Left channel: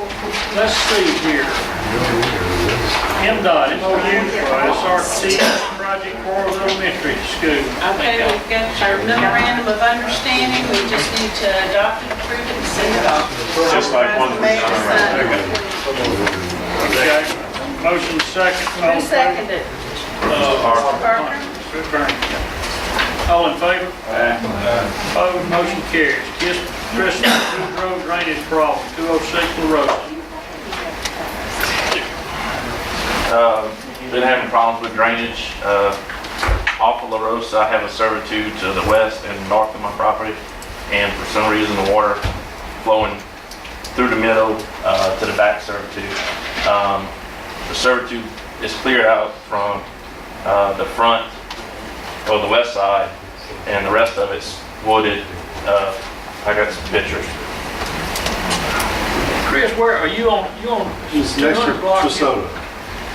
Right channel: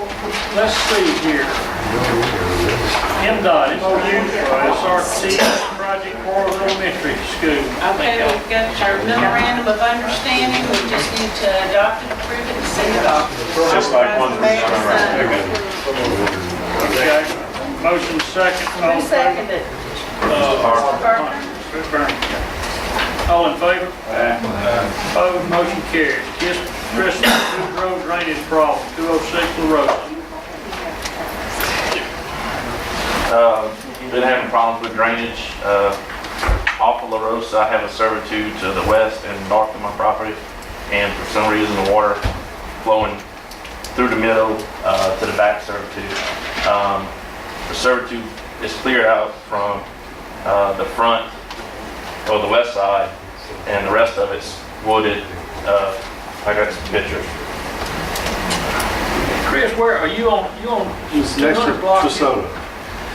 let's see here. MDOT, MOU for SRT project for elementary school. Okay, we've got our memorandum of understanding, we just need to adopt it, approve it, and send it off. Just like one we signed right there. Okay, motion second. All Who in favor? seconded? Parker? All in favor? Opposed, motion carries. Kiss Crystal, Food Road drainage problem, 206 La Rosa. Been having problems with drainage off of La Rosa. I have a servitude to the west and north of my property, and for some reason the water flowing through the middle to the back servitude. The servitude is cleared out from the front or the west side, and the rest of it's wooded. I got some pictures. Chris, where are you on? You on It's next to 200 block? Trasota.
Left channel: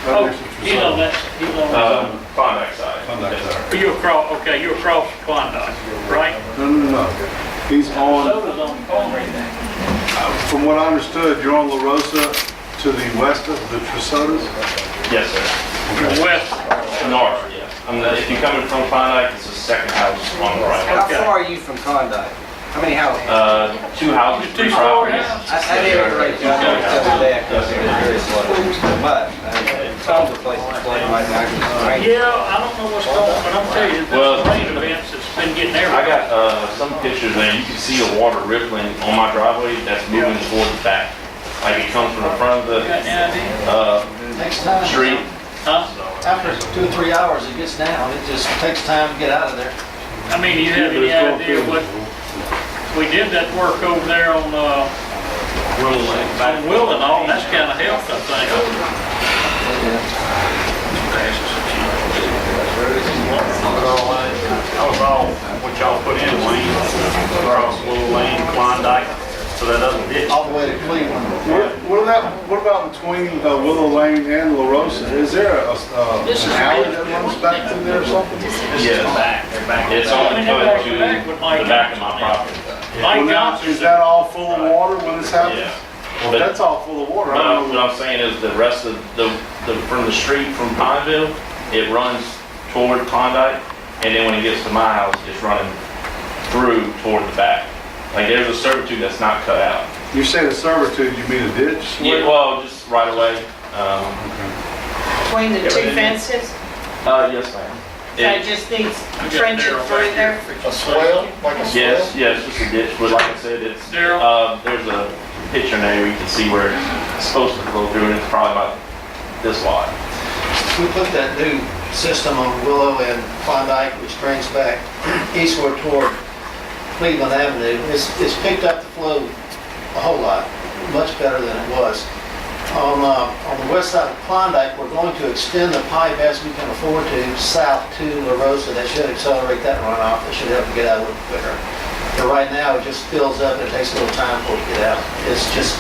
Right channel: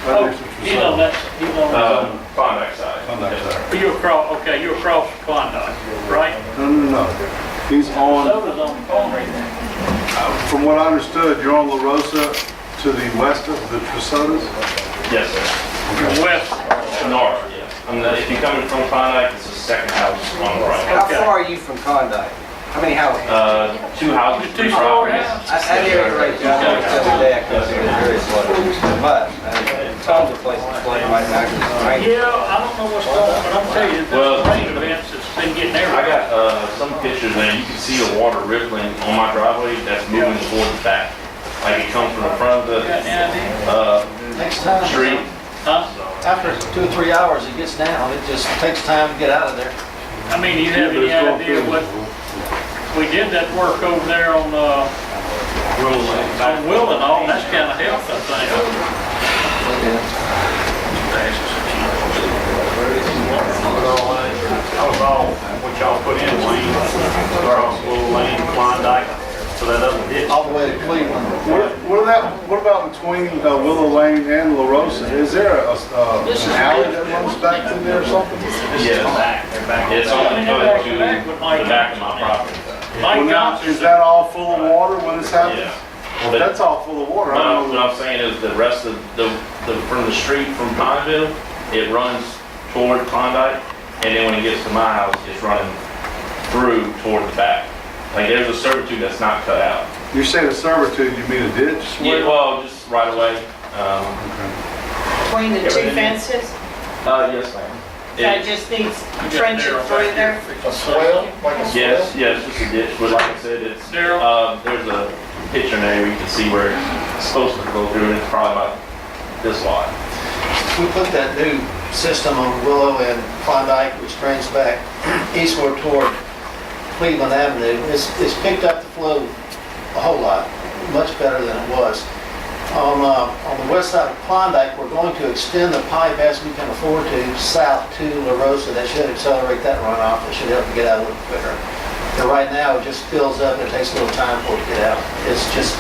Oh, Right next to he's on Trasota. that, he's on, Klondike side. Klondike Yes, sir. side. you're across, okay, you're across Klondike, right? No. He's on, Soda's on the corner. from what I understood, you're on La Rosa to the west of the Trasotas? Yes, sir. West, North, yeah. If you're coming from Klondike, it's the second house on the right. How Okay. far are you from Klondike? How many houses? Two houses, three Two-story properties. house. I did it right down there the other day, I could see it very slow. But, tons of places flooding right now, 'cause it's raining. yeah, I don't know what's going on, but I'm telling you, Well, this rain events has been getting I everywhere. got some pictures there. You can see the water rippling on my driveway that's moving toward the back. Like it comes from the front of Got any idea? the Next time, street. Huh? after 2 or 3 hours, it gets down. It just takes time to get out of there. I mean, do you have any idea what, we did that work over there on Willow and all, and that's kind of helped, I think. That was all what y'all put in Wayne, across Willow Lane, Klondike, so that doesn't ditch. All the way to Cleveland. What about between Willow Lane and La Rosa? Is there an alley that runs back through there or something? Yes. It's on the cut to the back of my property. Mike Well, now, Johnson, is that all full of water when this happens? Yeah. Well, if that's all full of water, I What don't know. I'm saying is the rest of from the street from Pineville, it runs toward Klondike, and then when it gets to my house, it's running through toward the back. Like there's a servitude that's not cut out. You say the servitude, you mean a ditch? Yeah, well, just right away. Between the two fences, Yes, ma'am. so it just needs trenching through there. A swale, like a Yes, just a ditch, but like I said, it's, Daryl? there's a picture there where you can see where it's supposed to go through, and it's probably about this wide. We put that new system on Willow and Klondike, which drains back eastward toward Cleveland Avenue. It's picked up the flow a whole lot, much better than it was. On the west side of Klondike, we're going to extend the pipe as we can afford to south to La Rosa. That should accelerate that runoff. That should help it get out a little quicker. But right now, it just fills up and it takes a little time for it to get out. It's just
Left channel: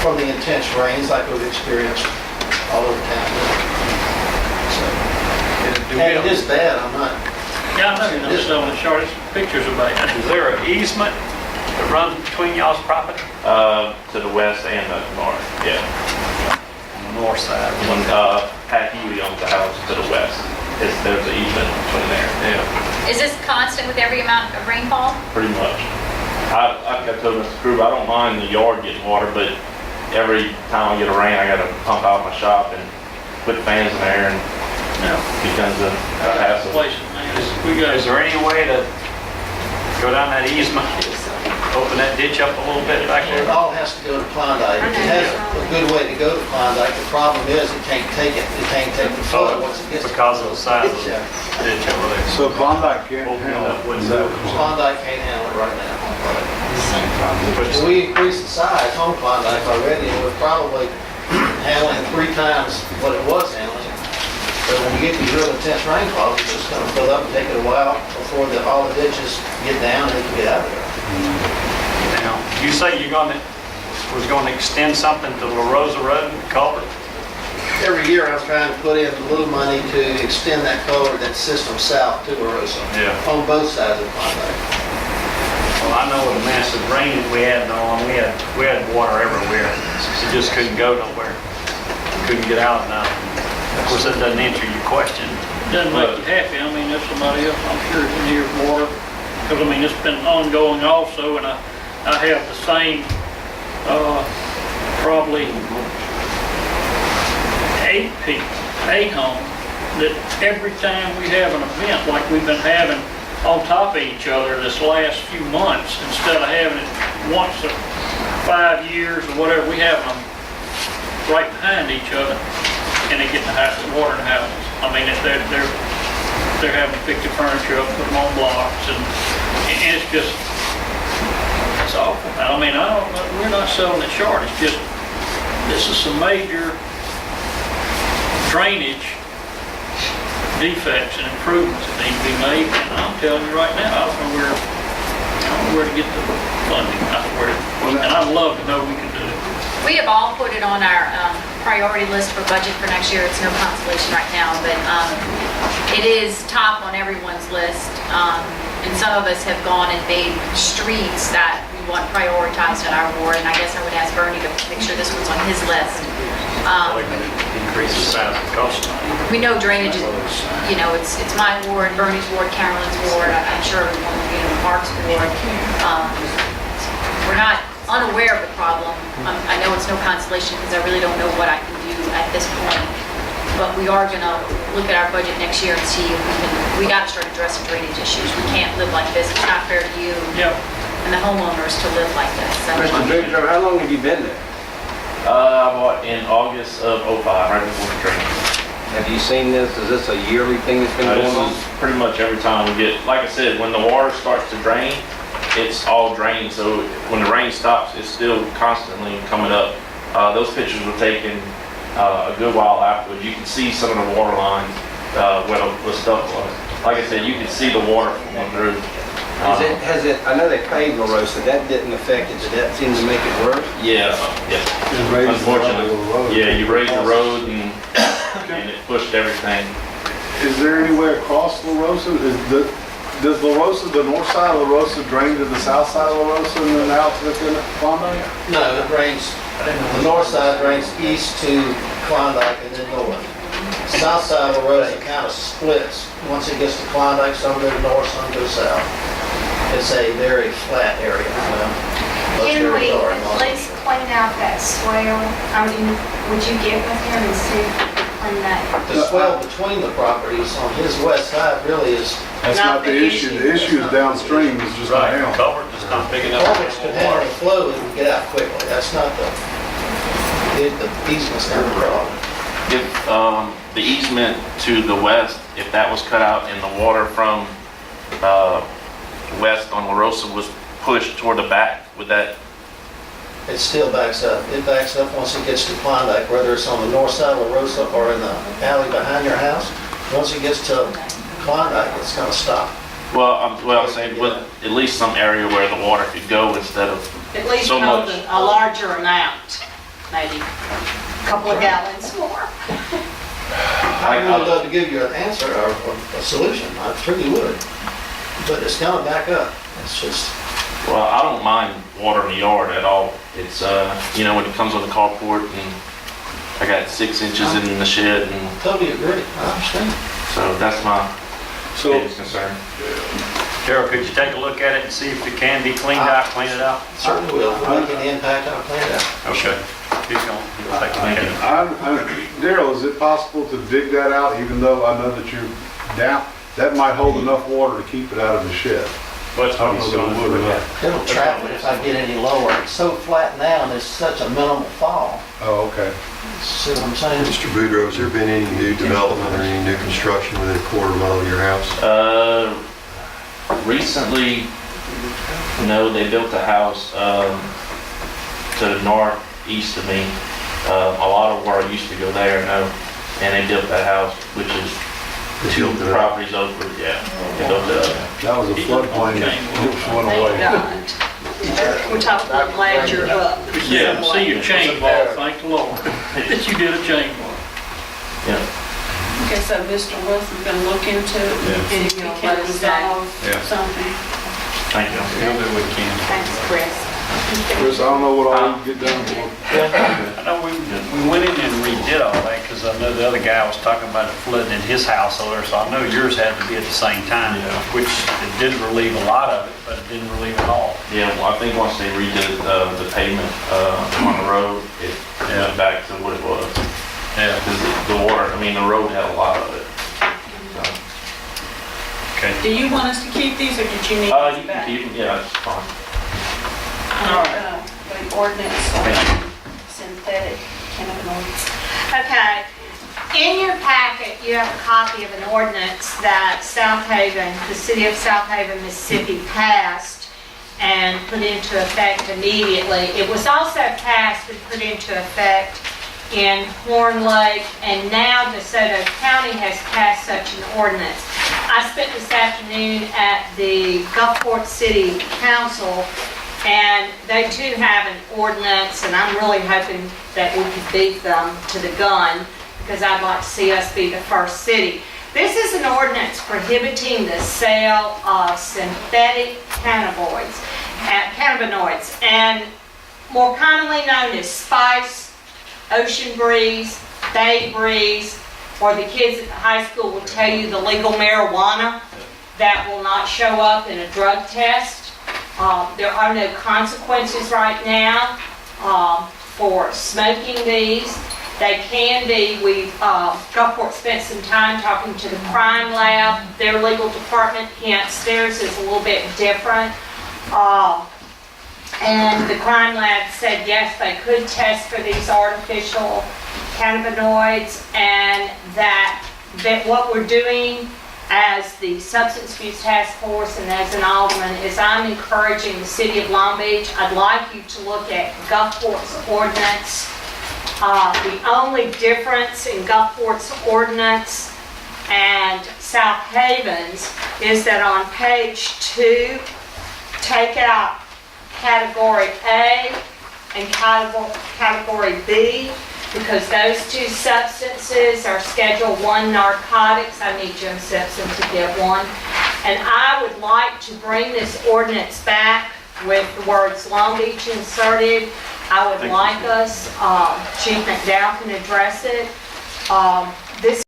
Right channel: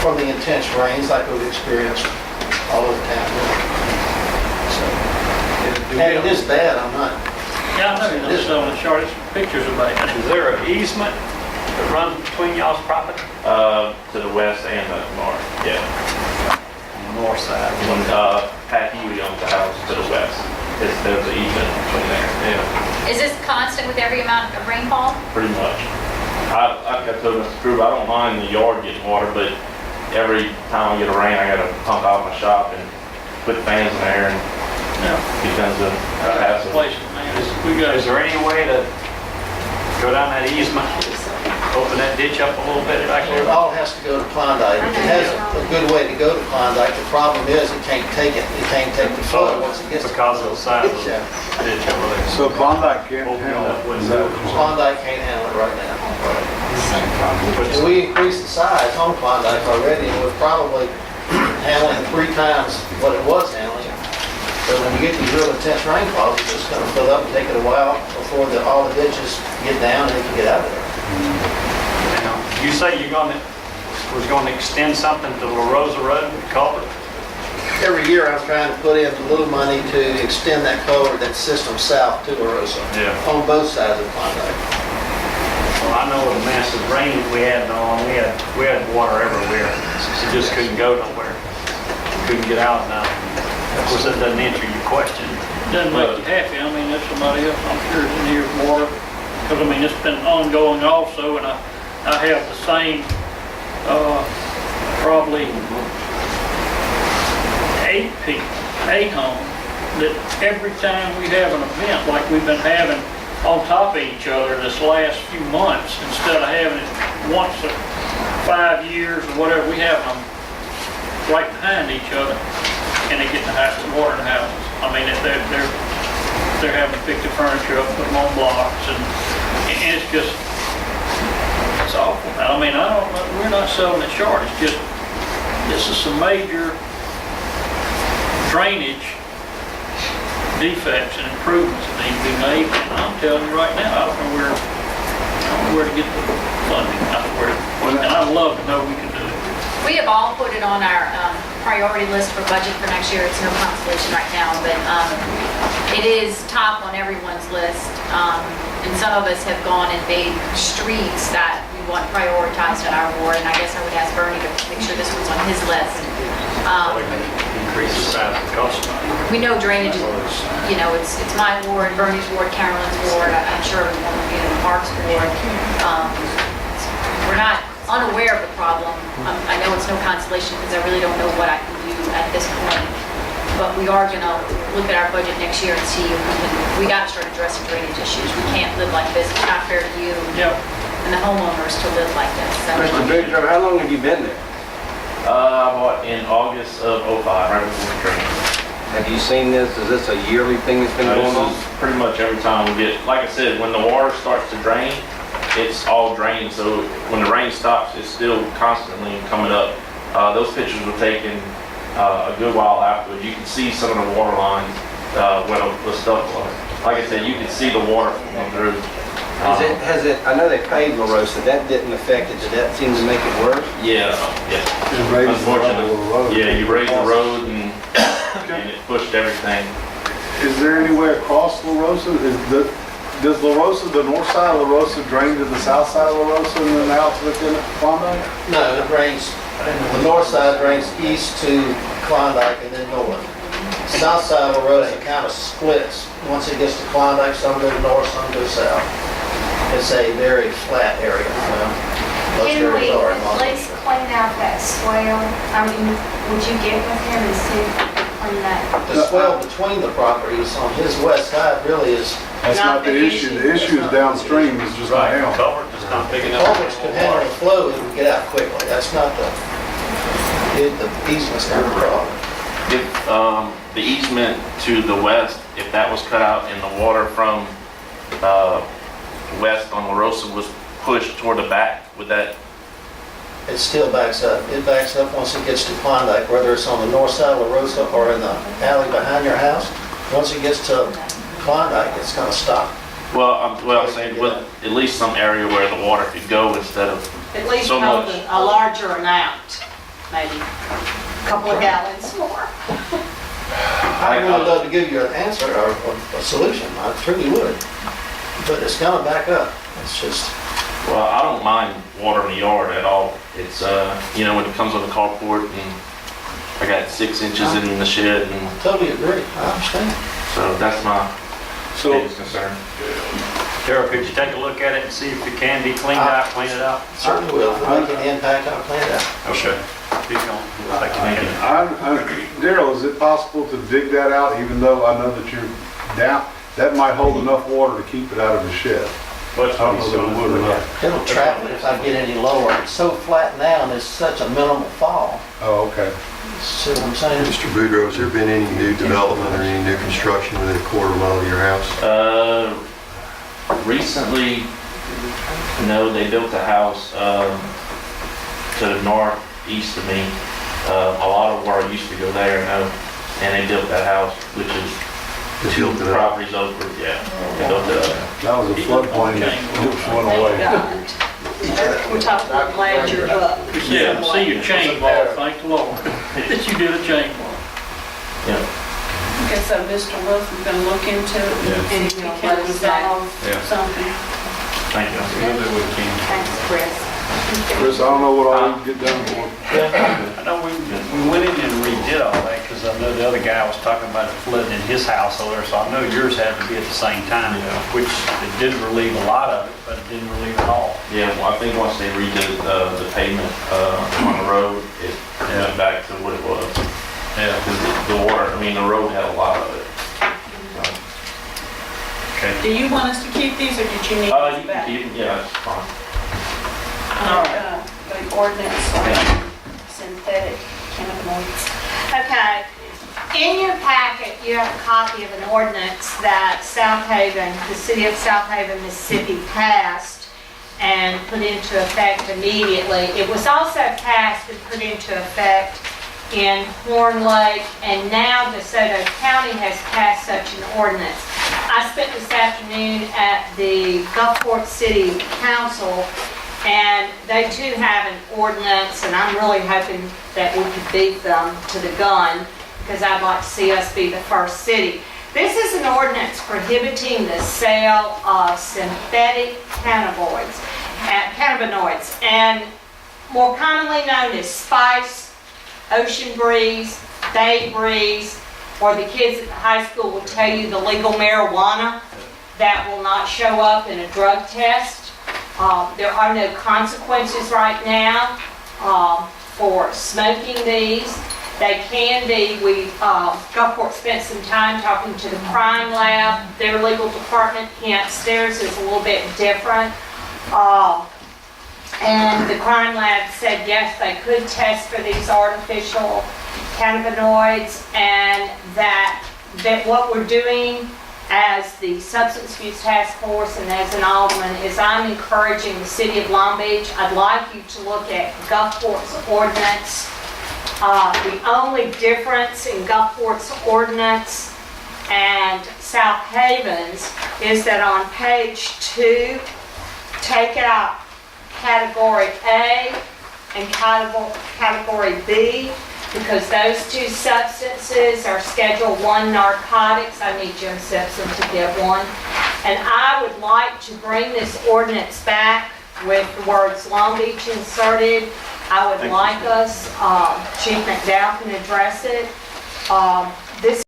from the intense rains like we've experienced all over town. So, and it is bad, I'm not. Yeah, I know, you're not showing the shortest pictures about it. Is there an easement that runs between y'all's property? To the west and the north, yeah. On the north side. When Pat Healy owns the house to the west, there's an easement between there, yeah, Is this constant with every amount of rainfall? pretty much. I told Mr. Kruger, I don't mind the yard getting water, but every time I get a rain, I gotta pump out my shop and put fans in there, and it becomes a hassle. Places, man, we got, Is there any way to go down that easement, open that ditch up a little bit back It there? all has to go to Klondike. It has a good way to go to Klondike. The problem is it can't take it. It can't take the flood once it gets to Because of the size of the Yeah. ditch over there. So Klondike can't Opening handle up it. wouldn't Is that do what it. you're saying? Klondike can't handle it right now. If we increase the size on Klondike already, we're probably handling 3 times what it was handling. But when you get these real intense rainfalls, it's just gonna fill up and take it a while before all the ditches get down and they can get out of there. Now, you say was going to extend something to La Rosa Road, the culvert? Every year I'm trying to put in a little money to extend that culvert, that system south to La Rosa. Yeah. On both sides of Klondike. Well, I know with the massive rain that we had on, we had water everywhere. It just couldn't go nowhere. Couldn't get out now. Of course, that doesn't answer your question. Doesn't make you happy. I mean, there's somebody else, I'm sure, in here with water. Because, I mean, it's been ongoing also, and I have the same, probably 8 homes, that every time we have an event like we've been having on top of each other this last few months, instead of having it once a 5 years or whatever, we have them right behind each other, and they get the water in the houses. I mean, they're having to pick the furniture up, put them on blocks, and it's just, it's awful. I mean, we're not selling it short. It's just, this is some major drainage defects and improvements that need to be made. And I'm telling you right now, I don't know where to get the funding. And I'd love to know we can do it. We have all put it on our priority list for budget for next year. It's no consolation right now, but it is top on everyone's list. And some of us have gone and made streets that we want prioritized in our ward, and I guess I would ask Bernie to make sure this was on his list. Increase the size of the cost. We know drainage is, it's my ward, Bernie's ward, Carolyn's ward, I'm sure everyone will be in the Parks ward. We're not unaware of the problem. I know it's no consolation because I really don't know what I can do at this point. But we are gonna look at our budget next year and see if we gotta start addressing drainage issues. We can't live like this. It's not fair to you and the homeowners to live like this. So, Mr. Boudreaux, how long have you been there? I bought in August of '05, right before the train. Have you seen this? Is this a yearly thing that's been This going on? is pretty much every time we get, like I said, when the water starts to drain, it's all drained. So when the rain stops, it's still constantly coming up. Those pictures were taken a good while afterwards. You can see some of the water lines where the stuff was. Like I said, you can see the water flowing through. I know they paved La Rosa, that didn't affect it, did that seem to make it worse? Yeah. Unfortunately, yeah, you raised the road and it pushed everything. Is there any way across La Rosa? Does La Rosa, the north side of La Rosa, drain to the south side of La Rosa and then out to the Klondike? No, it drains, the north side drains east to Klondike and then north. South side of La Rosa kind of splits. Once it gets to Klondike, some go north, some go south. It's a very flat area. Most Can we areas are. at least clean out that swell? I mean, would you get with him and see if we could clean that? The swell between the properties on his west side really is, That's not the issue. The issue is downstream, is just not down. Culvert just not picking up. culverts can handle the flow and get out quickly. That's not the easement's not the problem. If the easement to the west, if that was cut out and the water from west on La Rosa was pushed toward the back, would that? It still backs up. It backs up once it gets to Klondike, whether it's on the north side of La Rosa or in the alley behind your house. Once it gets to Klondike, it's gonna stop. Well, I'm saying with at least some area where the water could go instead of At least so hold much. a larger amount, maybe a couple of gallons more. I would love to give you an answer or a solution. I truly would. But it's gonna back up. It's just, Well, I don't mind water in the yard at all. It's, when it comes on the carport and I got 6 inches in the shed and totally agree. I understand. so that's my biggest concern. Darryl, could you take a look at it and see if it can be cleaned out, clean it out? Certainly will. If we're making the impact, I'll plan it out. Okay. Keep going. Thank you. Daryl, is it possible to dig that out, even though I know that you're down? That might hold enough water to keep it out of the shed. What's I don't know that it would or not. It'll trap it if I get any lower. It's so flat now and there's such a minimal fall. Oh, okay. See what I'm saying? Mr. Boudreaux, has there been any new development or any new construction within a quarter mile of your house? Recently, no, they built a house to the northeast of me. A lot of water used to go there, no, and they built that house, which is They 2 built it up. properties over, yeah. They built it up. That was a floodplain that just went away. We're talking about glad you're up. Yeah, see your chain ball, thank the Lord, that you did a chain ball. Yeah. Okay, so Mr. Wilson's gonna look into it and see if he can resolve something. Thank you. We'll do what we can. Thanks, Chris. Chris, I don't know what all you get done for. I know we went in and redid all that, because I know the other guy was talking about it flooding in his house over there, so I know yours had to be at the same time, Yeah. which it did relieve a lot of it, but it didn't relieve it all. Yeah, well, I think once they redid the pavement on the road, it went back to what it was. Yeah. Because the water, I mean, the road had a lot of it. So, Okay. Do you want us to keep these, or did you need you these can back? keep them, yeah, that's fine. The ordinance on synthetic cannabinoids. Okay, in your packet, you have a copy of an ordinance that South Haven, the city of South Haven, Mississippi passed and put into effect immediately. It was also passed and put into effect in Horn Lake, and now DeSoto County has passed such an ordinance. I spent this afternoon at the Gulfport City Council, and they too have an ordinance, and I'm really hoping that we could beat them to the gun, because I'd like to see us be the first city. This is an ordinance prohibiting the sale of synthetic cannabinoids, and more commonly known as Spice, Ocean Breeze, Bay Breeze, or the kids at the high school will tell you the legal marijuana that will not show up in a drug test. There are no consequences right now for smoking these. They can be. Gulfport spent some time talking to the crime lab, their legal department, hence theirs is a little bit different. And the crime lab said yes, they could test for these artificial cannabinoids, and that what we're doing as the Substance Abuse Task Force and as an alderman is I'm encouraging the city of Long Beach. I'd like you to look at Gulfport's ordinance. The only difference in Gulfport's ordinance and South Haven's is that on page 2, take out category A and category B, because those two substances are Schedule 1 narcotics. I need Jim Simpson to get one. And I would like to bring this ordinance back with the words Long Beach inserted. I would like us, Chief McDowell can address it. This